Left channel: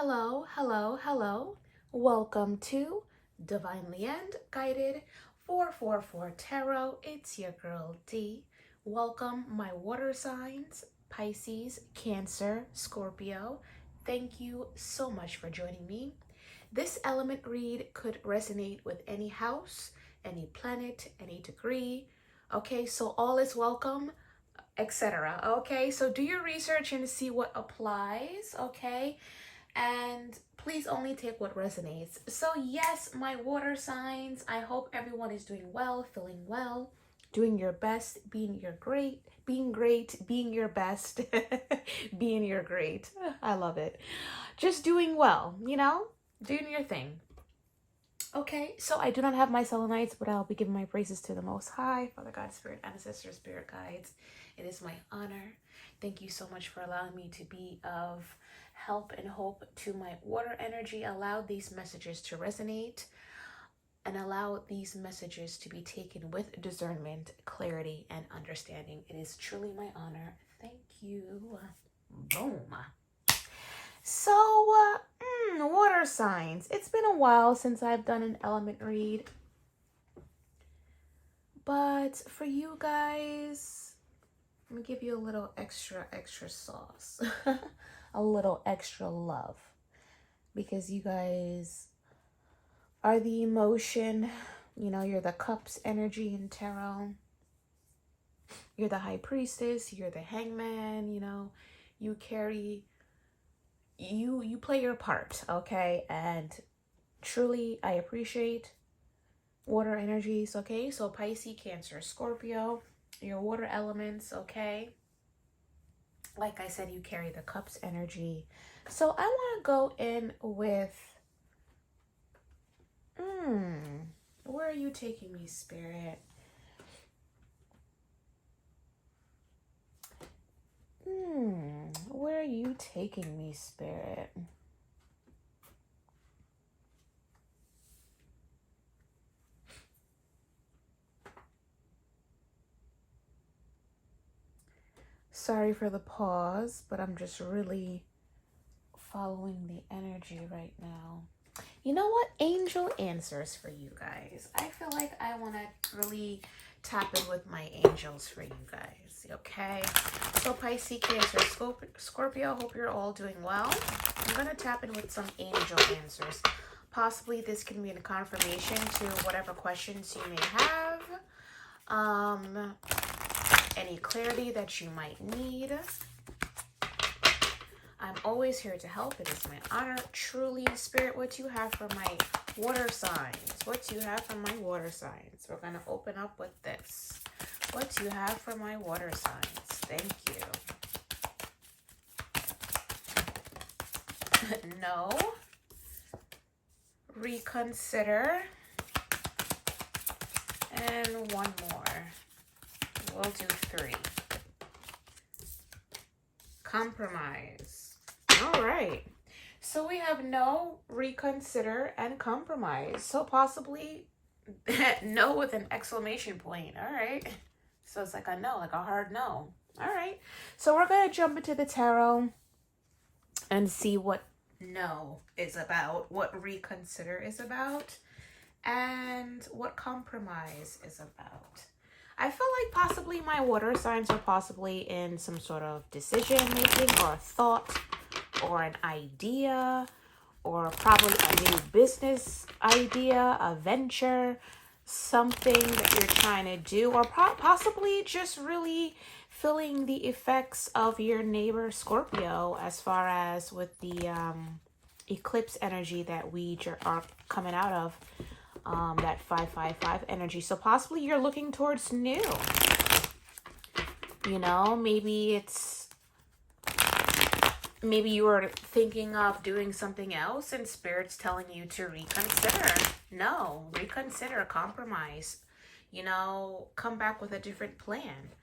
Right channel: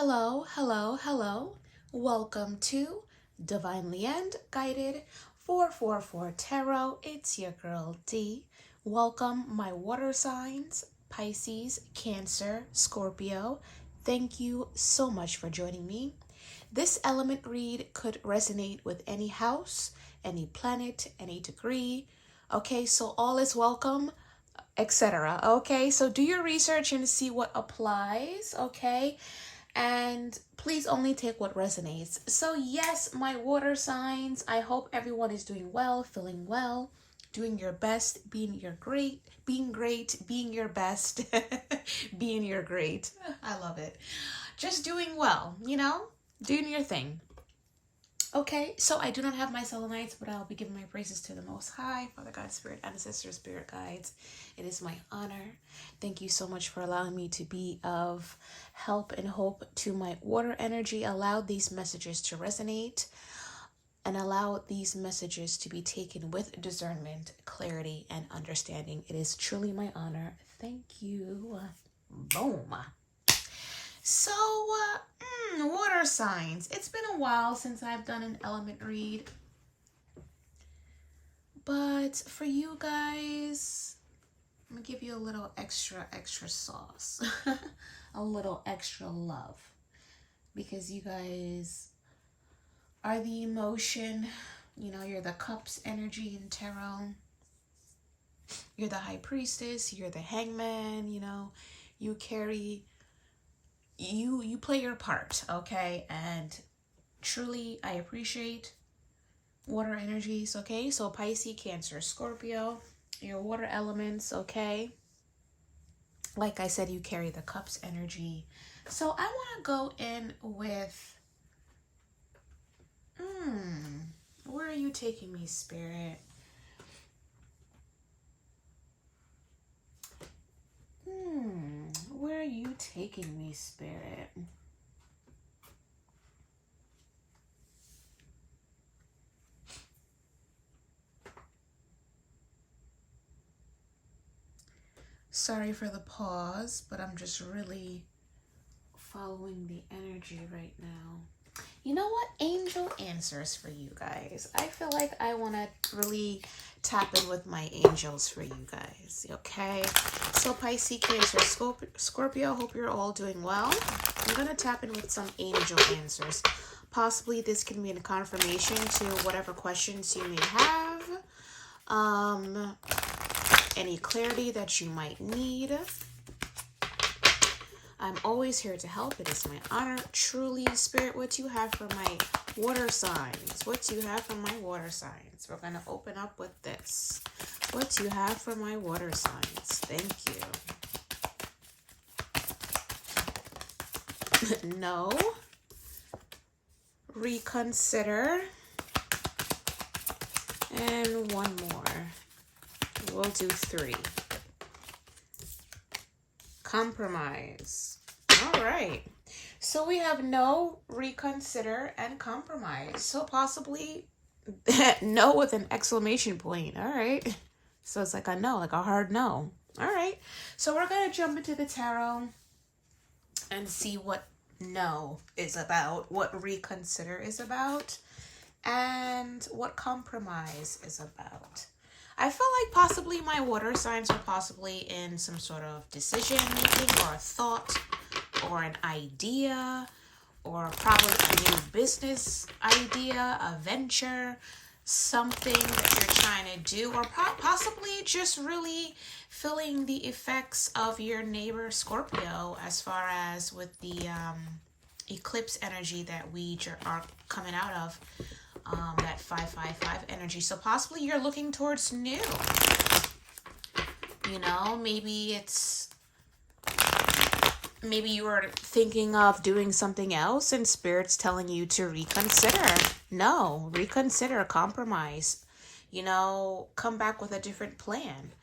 Hello, hello, hello. Welcome to Divinely End Guided 444 Tarot. It's your girl D. Welcome, my water signs, Pisces, Cancer, Scorpio. Thank you so much for joining me. This element read could resonate with any house, any planet, any degree. Okay, so all is welcome, etc. Okay, so do your research and see what applies. Okay, and please only take what resonates. So yes, my water signs, I hope everyone is doing well, feeling well, doing your best, being great, being your best, being your great. I love it. Just doing well, doing your thing. Okay, so I do not have my selenites, but I'll be giving my praises to the Most High, Father God, Spirit, Ancestors, Spirit Guides. It is my honor. Thank you so much for allowing me to be of help and hope to my water energy. Allow these messages to resonate and allow these messages to be taken with discernment, clarity, and understanding. It is truly my honor. Thank you. Boom. So, water signs. It's been a while since I've done an element read. But for you guys, I'm going to give you a little extra sauce. A little extra love. Because you guys are the emotion. You're the cups energy in tarot. You're the high priestess. You're the hangman. You carry... You play your part, okay? And truly, I appreciate water energies, okay? So Pisces, Cancer, Scorpio, your water elements, okay? Like I said, you carry the cups energy. So I want to go in with, where are you taking me, Spirit? Where are you taking me, Spirit? Sorry for the pause, but I'm just really following the energy right now. You know what? Angel answers for you guys. I feel like I want to really tap in with my angels for you guys, okay? So Pisces, Cancer, Scorpio, hope you're all doing well. I'm going to tap in with some angel answers. Possibly this can be a confirmation to whatever questions you may have. Any clarity that you might need. I'm always here to help. It is my honor. Truly, Spirit, what you have for my water signs? What do you have for my water signs? We're going to open up with this. What do you have for my water signs? Thank you. No. Reconsider. And one more. We'll do 3. Compromise. All right. So we have no, reconsider, and compromise. So possibly no with an exclamation point. All right. So it's like a no, like a hard no. All right. So we're going to jump into the tarot and see what no is about, what reconsider is about, and what compromise is about. I feel like possibly my water signs are possibly in some sort of decision making or a thought or an idea or probably a new business idea, a venture, something that you're trying to do, or possibly just really feeling the effects of your neighbor Scorpio as far as with the eclipse energy that we are coming out of. That 555 energy. So possibly you're looking towards new. Maybe you were thinking of doing something else and Spirit's telling you to reconsider. No, reconsider, compromise. Come back with a different plan.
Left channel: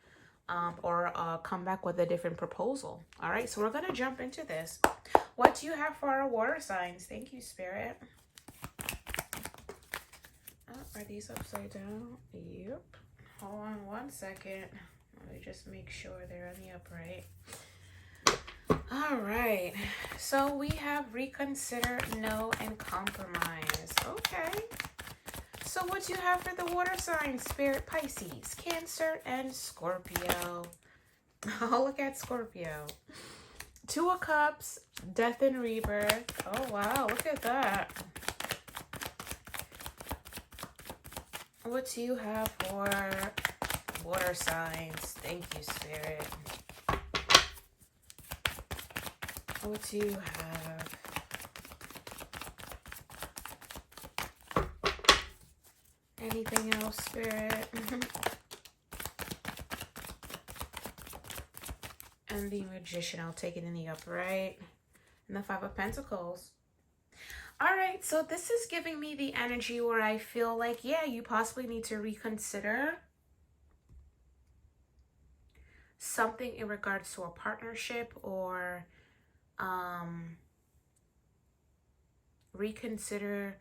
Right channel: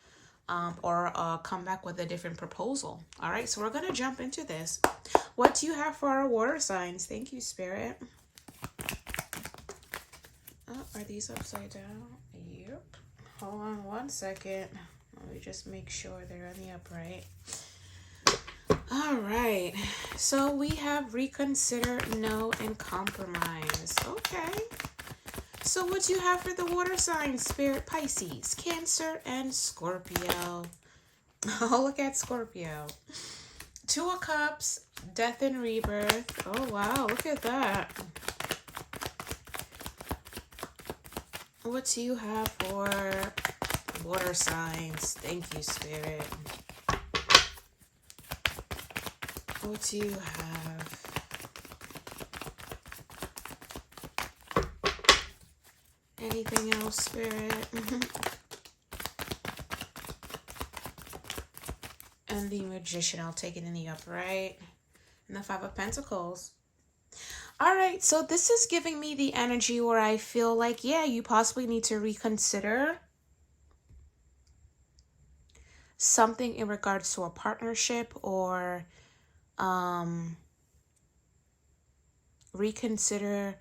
Or come back with a different proposal. All right, so we're going to jump into this. What do you have for our water signs? Thank you, Spirit. Are these upside down? Yep. Hold on one second. Let me just make sure they're on the upright. All right. So we have reconsider, know, and compromise. Okay. So what do you have for the water signs? Spirit, Pisces, Cancer, and Scorpio. Oh, look at Scorpio. Two of Cups, death and rebirth. Oh, wow. Look at that. What do you have for water signs? Thank you, Spirit. What do you have? Anything else, Spirit? And the Magician, I'll take it in the upright. And the Five of Pentacles. All right, so this is giving me the energy where I feel like, yeah, you possibly need to reconsider something in regards to a partnership, or reconsider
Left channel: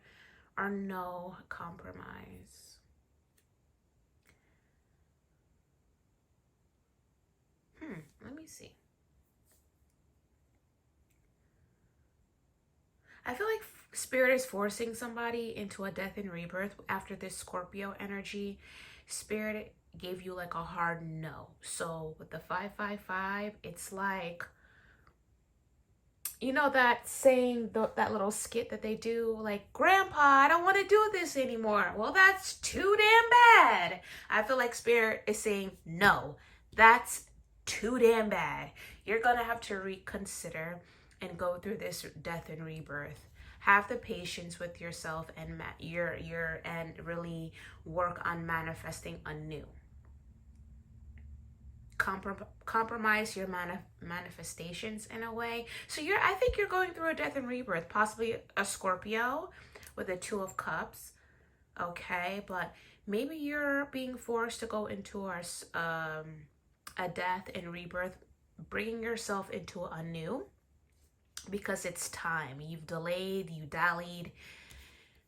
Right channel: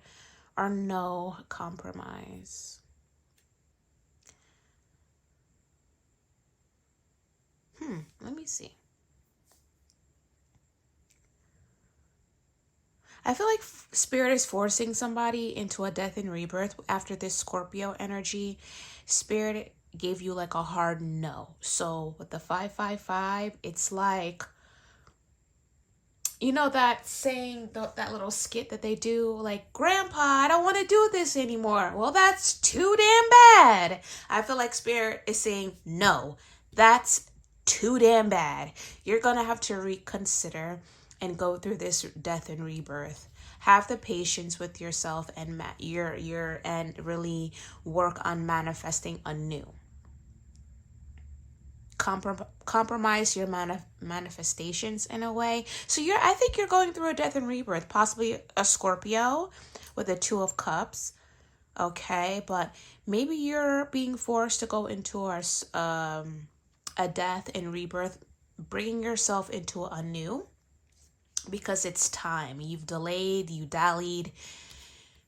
or no compromise. Let me see. I feel like Spirit is forcing somebody into a death and rebirth after this Scorpio energy. Spirit gave you like a hard no. So with the 555, it's like, you know that saying, that little skit that they do, like, Grandpa, I don't want to do this anymore. Well, that's too damn bad. I feel like Spirit is saying, no, that's too damn bad. You're going to have to reconsider and go through this death and rebirth. Have the patience with yourself and and really work on manifesting anew. Compromise your manifestations in a way. So I think you're going through a death and rebirth, possibly a Scorpio with a Two of Cups. Okay, but maybe you're being forced to go into a death and rebirth, bringing yourself into a new, because it's time. You've delayed, you dallied,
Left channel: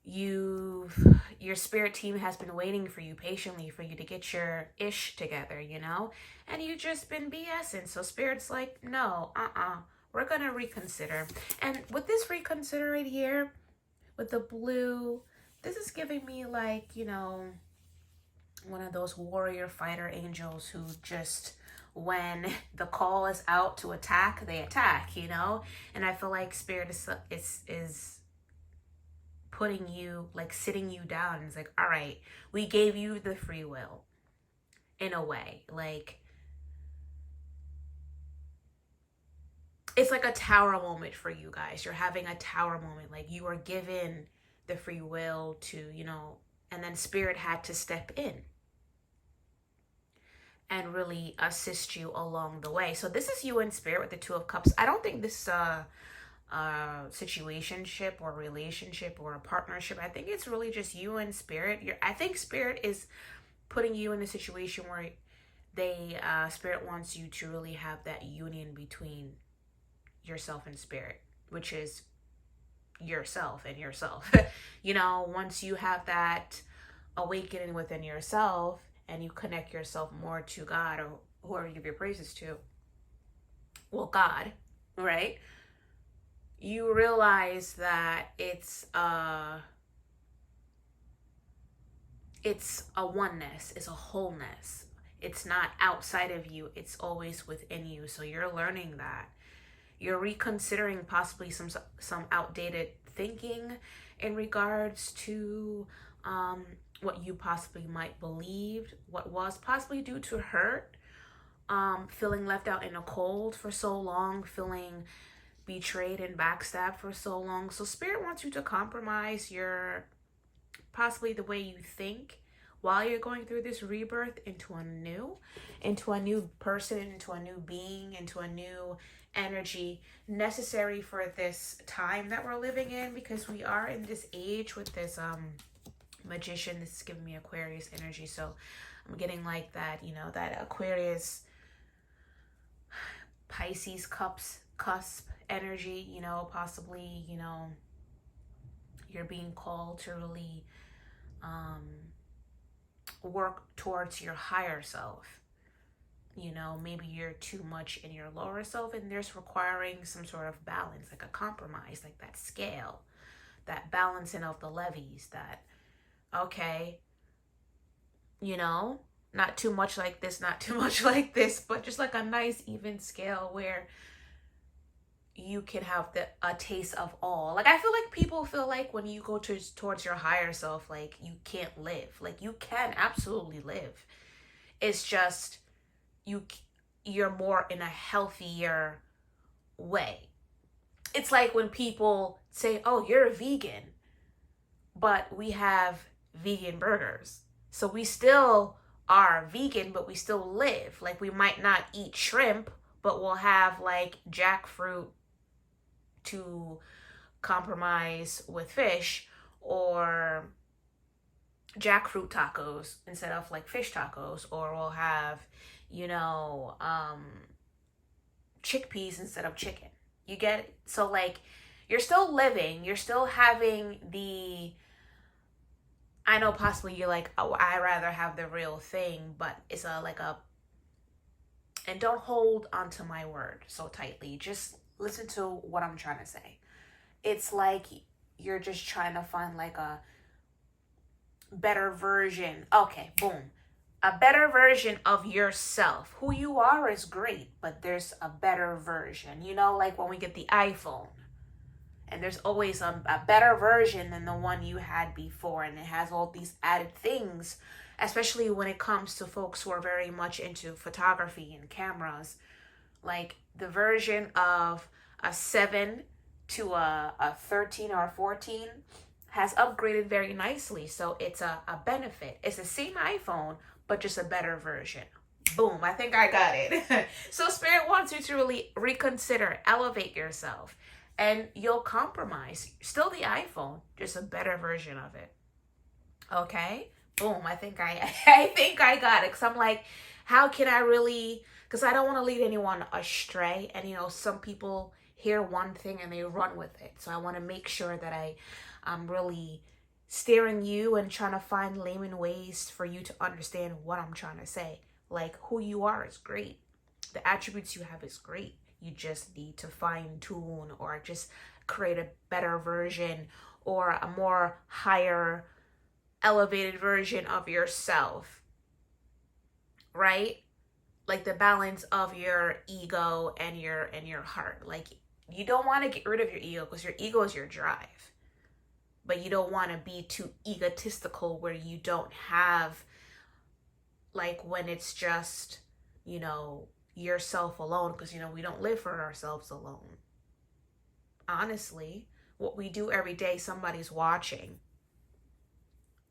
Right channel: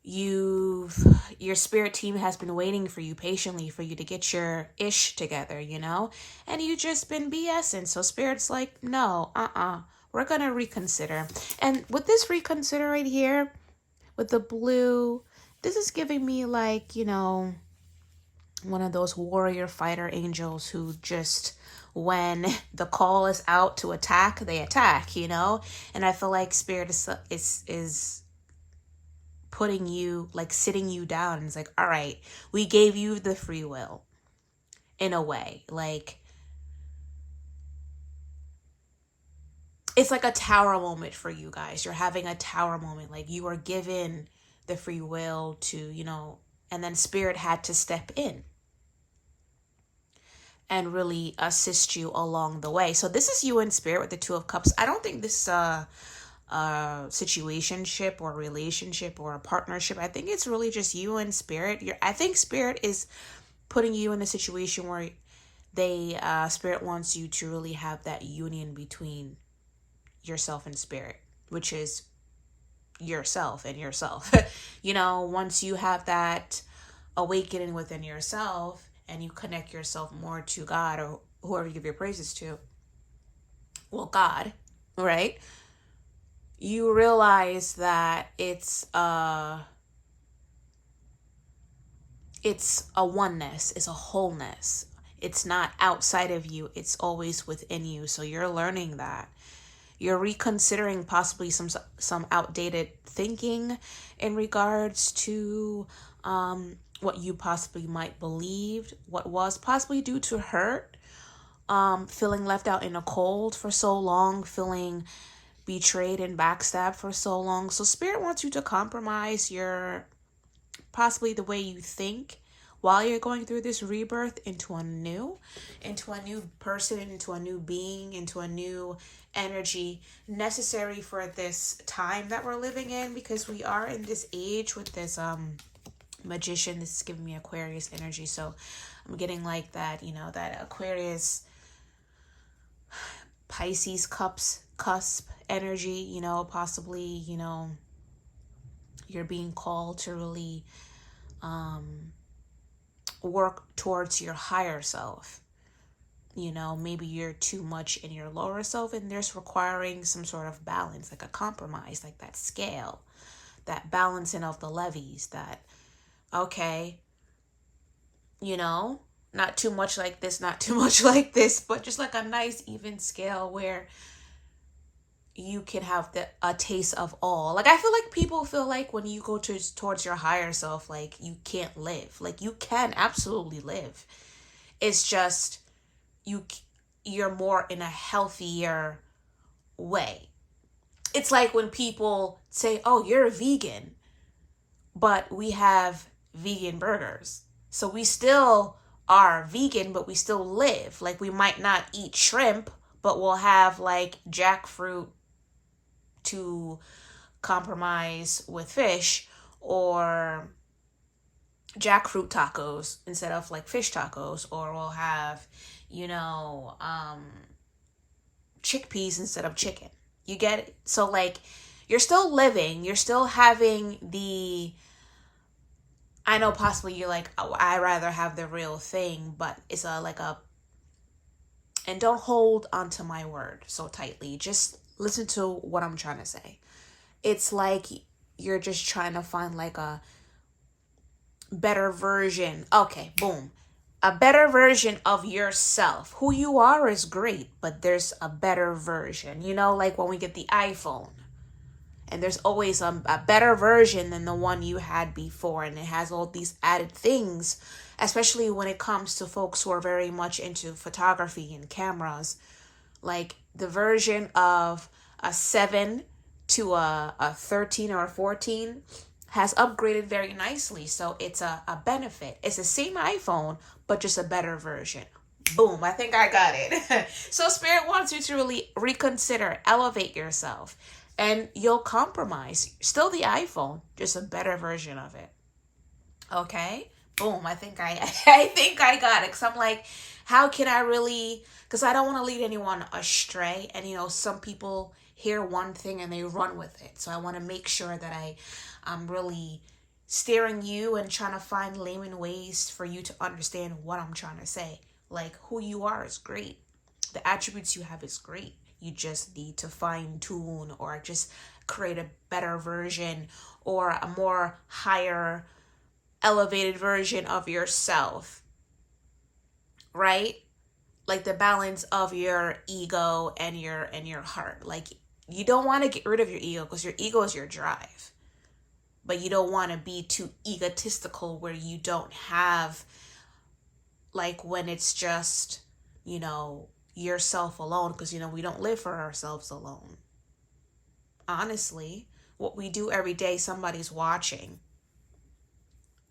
your spirit team has been waiting for you patiently for you to get your ish together, and you just been BSing. So Spirit's like, no, we're gonna reconsider. And with this reconsider right here with the blue, this is giving me like, one of those warrior fighter angels who just, when the call is out to attack, they attack, and I feel like Spirit is putting you, like, sitting you down. It's like, all right, we gave you the free will in a way. Like, it's like a tower moment for you guys. You're having a tower moment. Like, you are given the free will to, and then Spirit had to step in and really assist you along the way. So this is you in Spirit with the Two of Cups. I don't think this situationship or relationship or a partnership. I think it's really just you and Spirit. I think Spirit is putting you in a situation where Spirit wants you to really have that union between yourself and Spirit, which is yourself and yourself. Once you have that awakening within yourself and you connect yourself more to God, or whoever you give your praises to, well, God, right? You realize that it's a oneness, it's a wholeness. It's not outside of you, it's always within you. So you're learning that. You're reconsidering possibly some outdated thinking in regards to what you possibly might believed, what was possibly due to hurt, feeling left out in the cold for so long, feeling betrayed and backstabbed for so long. So Spirit wants you to compromise possibly the way you think while you're going through this rebirth into a new person, into a new being, into a new energy necessary for this time that we're living in, because we are in this age with this Magician. This is giving me Aquarius energy. So I'm getting like that, that Aquarius Pisces cusp energy, possibly, you're being called to really work towards your higher self. You know, maybe you're too much in your lower self and there's requiring some sort of balance, like a compromise, like that scale, that balancing of the levies, that, okay, you know, not too much like this, not too much like this, but just like a nice even scale where you can have a taste of all. Like, I feel like people feel like when you go towards your higher self, like you can't live. Like, you can absolutely live. It's just you you're more in a healthier way. It's like when people say, "Oh, you're a vegan," but we have vegan burgers. So we still are vegan, but we still live. Like, we might not eat shrimp, but we'll have like jackfruit to compromise with fish, or jackfruit tacos instead of like fish tacos, or we'll have, you know, chickpeas instead of chicken. You get it? So like, you're still living, you're still having the, I know possibly you're like, oh, I rather have the real thing, but it's a like a, and don't hold onto my word so tightly. Just listen to what I'm trying to say. It's like you're just trying to find like a better version. Okay, boom. A better version of yourself. Who you are is great, but there's a better version. You know, like when we get the iPhone, and there's always a better version than the one you had before, and it has all these added things, especially when it comes to folks who are very much into photography and cameras. Like the version of a 7 to a 13 or a 14 has upgraded very nicely. So it's a benefit. It's the same iPhone, but just a better version. Boom, I think I got it. So Spirit wants you to really reconsider, elevate yourself, and you'll compromise. Still the iPhone, just a better version of it. Okay? Boom, I think I think I got it. Cause I'm like, how can I really, because I don't want to lead anyone astray. And you know, some people hear one thing and they run with it. So I want to make sure that I'm really steering you and trying to find layman ways for you to understand what I'm trying to say. Like, who you are is great. The attributes you have is great. You just need to fine tune or just create a better version or a more higher elevated version of yourself, right? Like the balance of your ego and your heart. Like, you don't want to get rid of your ego because your ego is your drive, but you don't want to be too egotistical where you don't have, like, when it's just, you know, yourself alone, because you know we don't live for ourselves alone. Honestly, what we do every day, somebody's watching.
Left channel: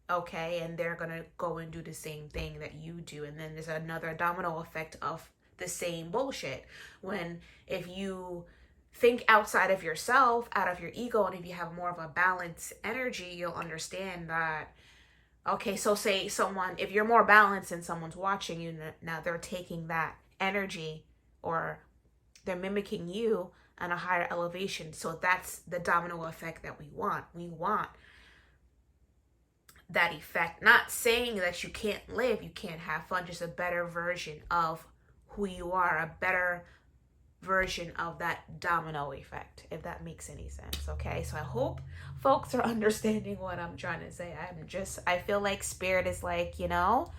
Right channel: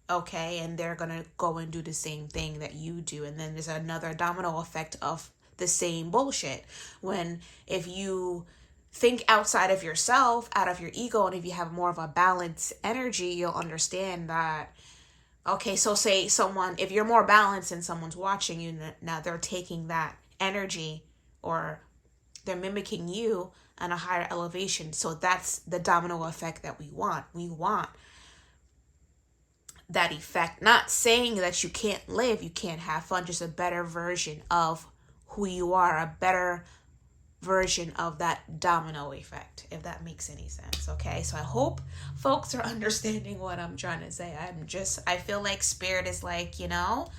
Okay, and they're gonna go and do the same thing that you do, and then there's another domino effect of the same bullshit. When if you think outside of yourself, out of your ego, and if you have more of a balanced energy, you'll understand that, okay, so say someone, if you're more balanced and someone's watching you, now they're taking that energy, or they're mimicking you on a higher elevation. So that's the domino effect that we want. We want that effect. Not saying that you can't live, you can't have fun, just a better version of who you are, a better version of that domino effect, if that makes any sense. Okay, so I hope folks are understanding what I'm trying to say. I feel like Spirit is like, you know,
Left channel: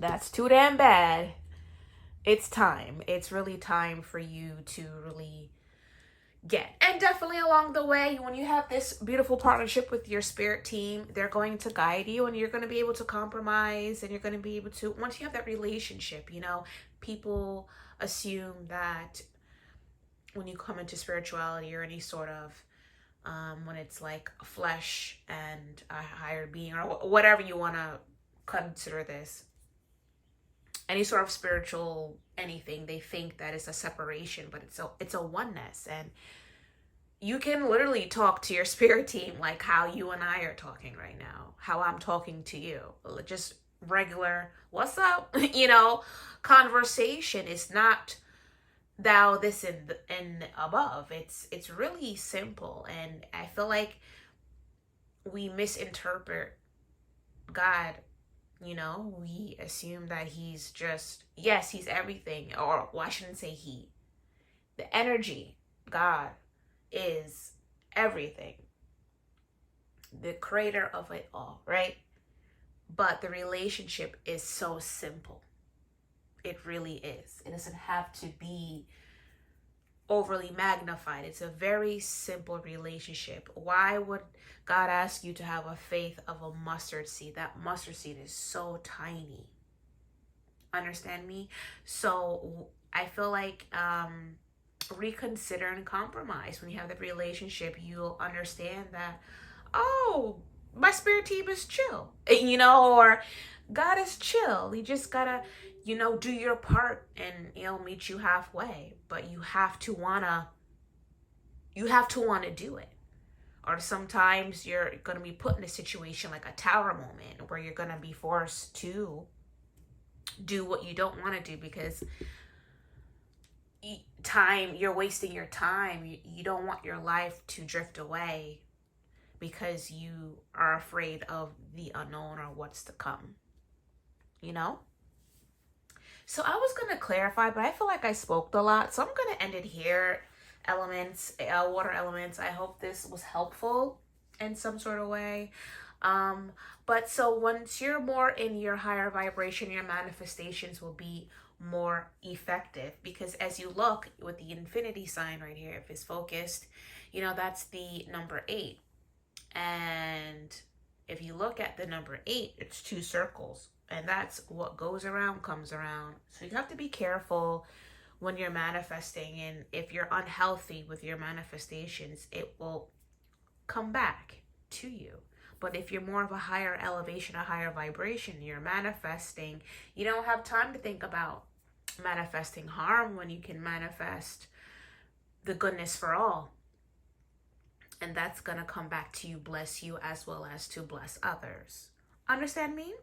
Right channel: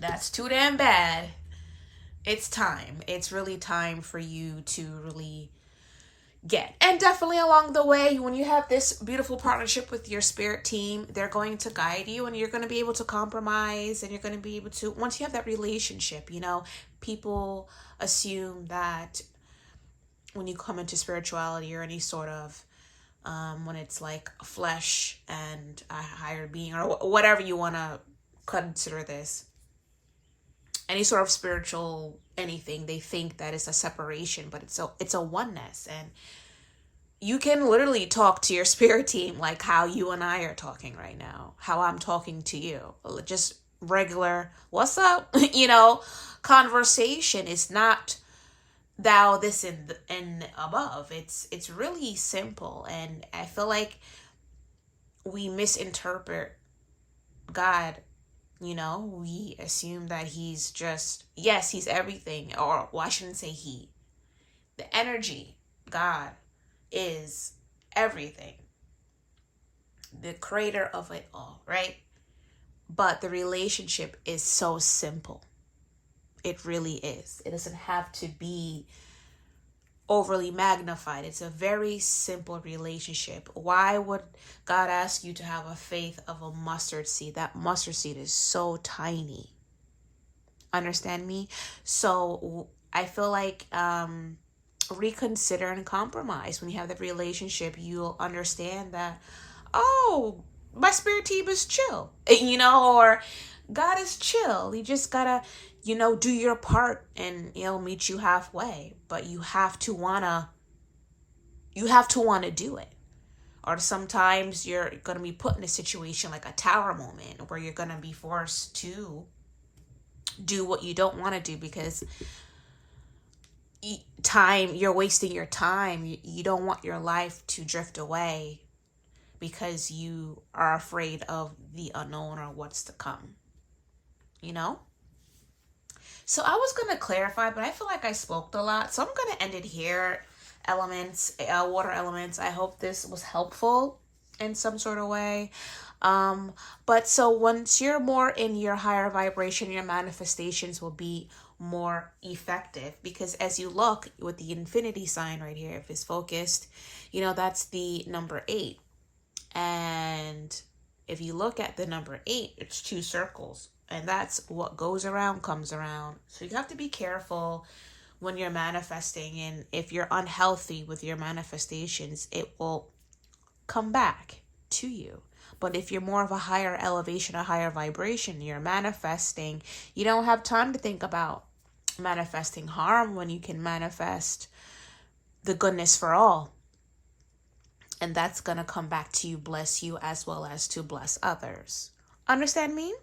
that's too damn bad. It's time. It's really time for you to really get. And definitely along the way, when you have this beautiful partnership with your spirit team, they're going to guide you, and you're going to be able to compromise, and you're going to be able to, once you have that relationship, you know, people assume that when you come into spirituality or any sort of when it's like flesh and a higher being, or whatever you want to consider this, any sort of spiritual anything, they think that it's a separation, but it's a oneness. And you can literally talk to your spirit team like how you and I are talking right now, how I'm talking to you, just regular what's up, you know, conversation. Is not thou this and above. It's really simple. And I feel like we misinterpret God You know, we assume that he's just, yes, he's everything. Or, well, I shouldn't say he. The energy, God, is everything. The creator of it all, right? But the relationship is so simple. It really is. It doesn't have to be overly magnified. It's a very simple relationship. Why would God ask you to have a faith of a mustard seed? That mustard seed is so tiny. Understand me? So I feel like reconsider and compromise. When you have the relationship, you'll understand that, oh, my spirit team is chill, or God is chill. You just gotta, do your part, and he'll meet you halfway. But you have to wanna do it. Or sometimes you're gonna be put in a situation like a tower moment where you're gonna be forced to do what you don't want to do, because you're wasting your time. You don't want your life to drift away because you are afraid of the unknown or what's to come, you know? So I was going to clarify, but I feel like I spoke a lot. So I'm going to end it here. Elements, water elements. I hope this was helpful in some sort of way. But so once you're more in your higher vibration, your manifestations will be more effective, because as you look with the infinity sign right here, if it's focused, that's the number 8. And if you look at the number 8, it's 2 circles. And that's what goes around comes around. So you have to be careful when you're manifesting. And if you're unhealthy with your manifestations, it will come back to you. But if you're more of a higher elevation, a higher vibration, you're manifesting, you don't have time to think about manifesting harm when you can manifest the goodness for all. And that's going to come back to you, bless you, as well as to bless others. Understand me?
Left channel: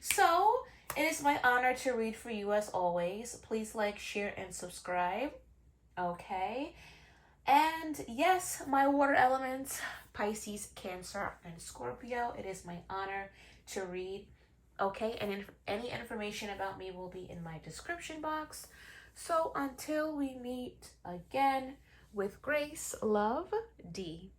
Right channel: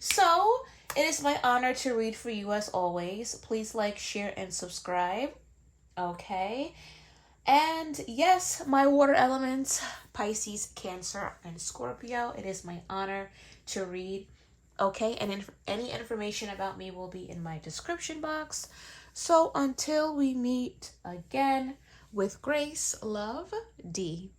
So it is my honor to read for you as always. Please like, share, and subscribe. Okay. And yes, my water elements, Pisces, Cancer, and Scorpio. It is my honor to read. Okay. And any information about me will be in my description box. So until we meet again, with grace, love, D.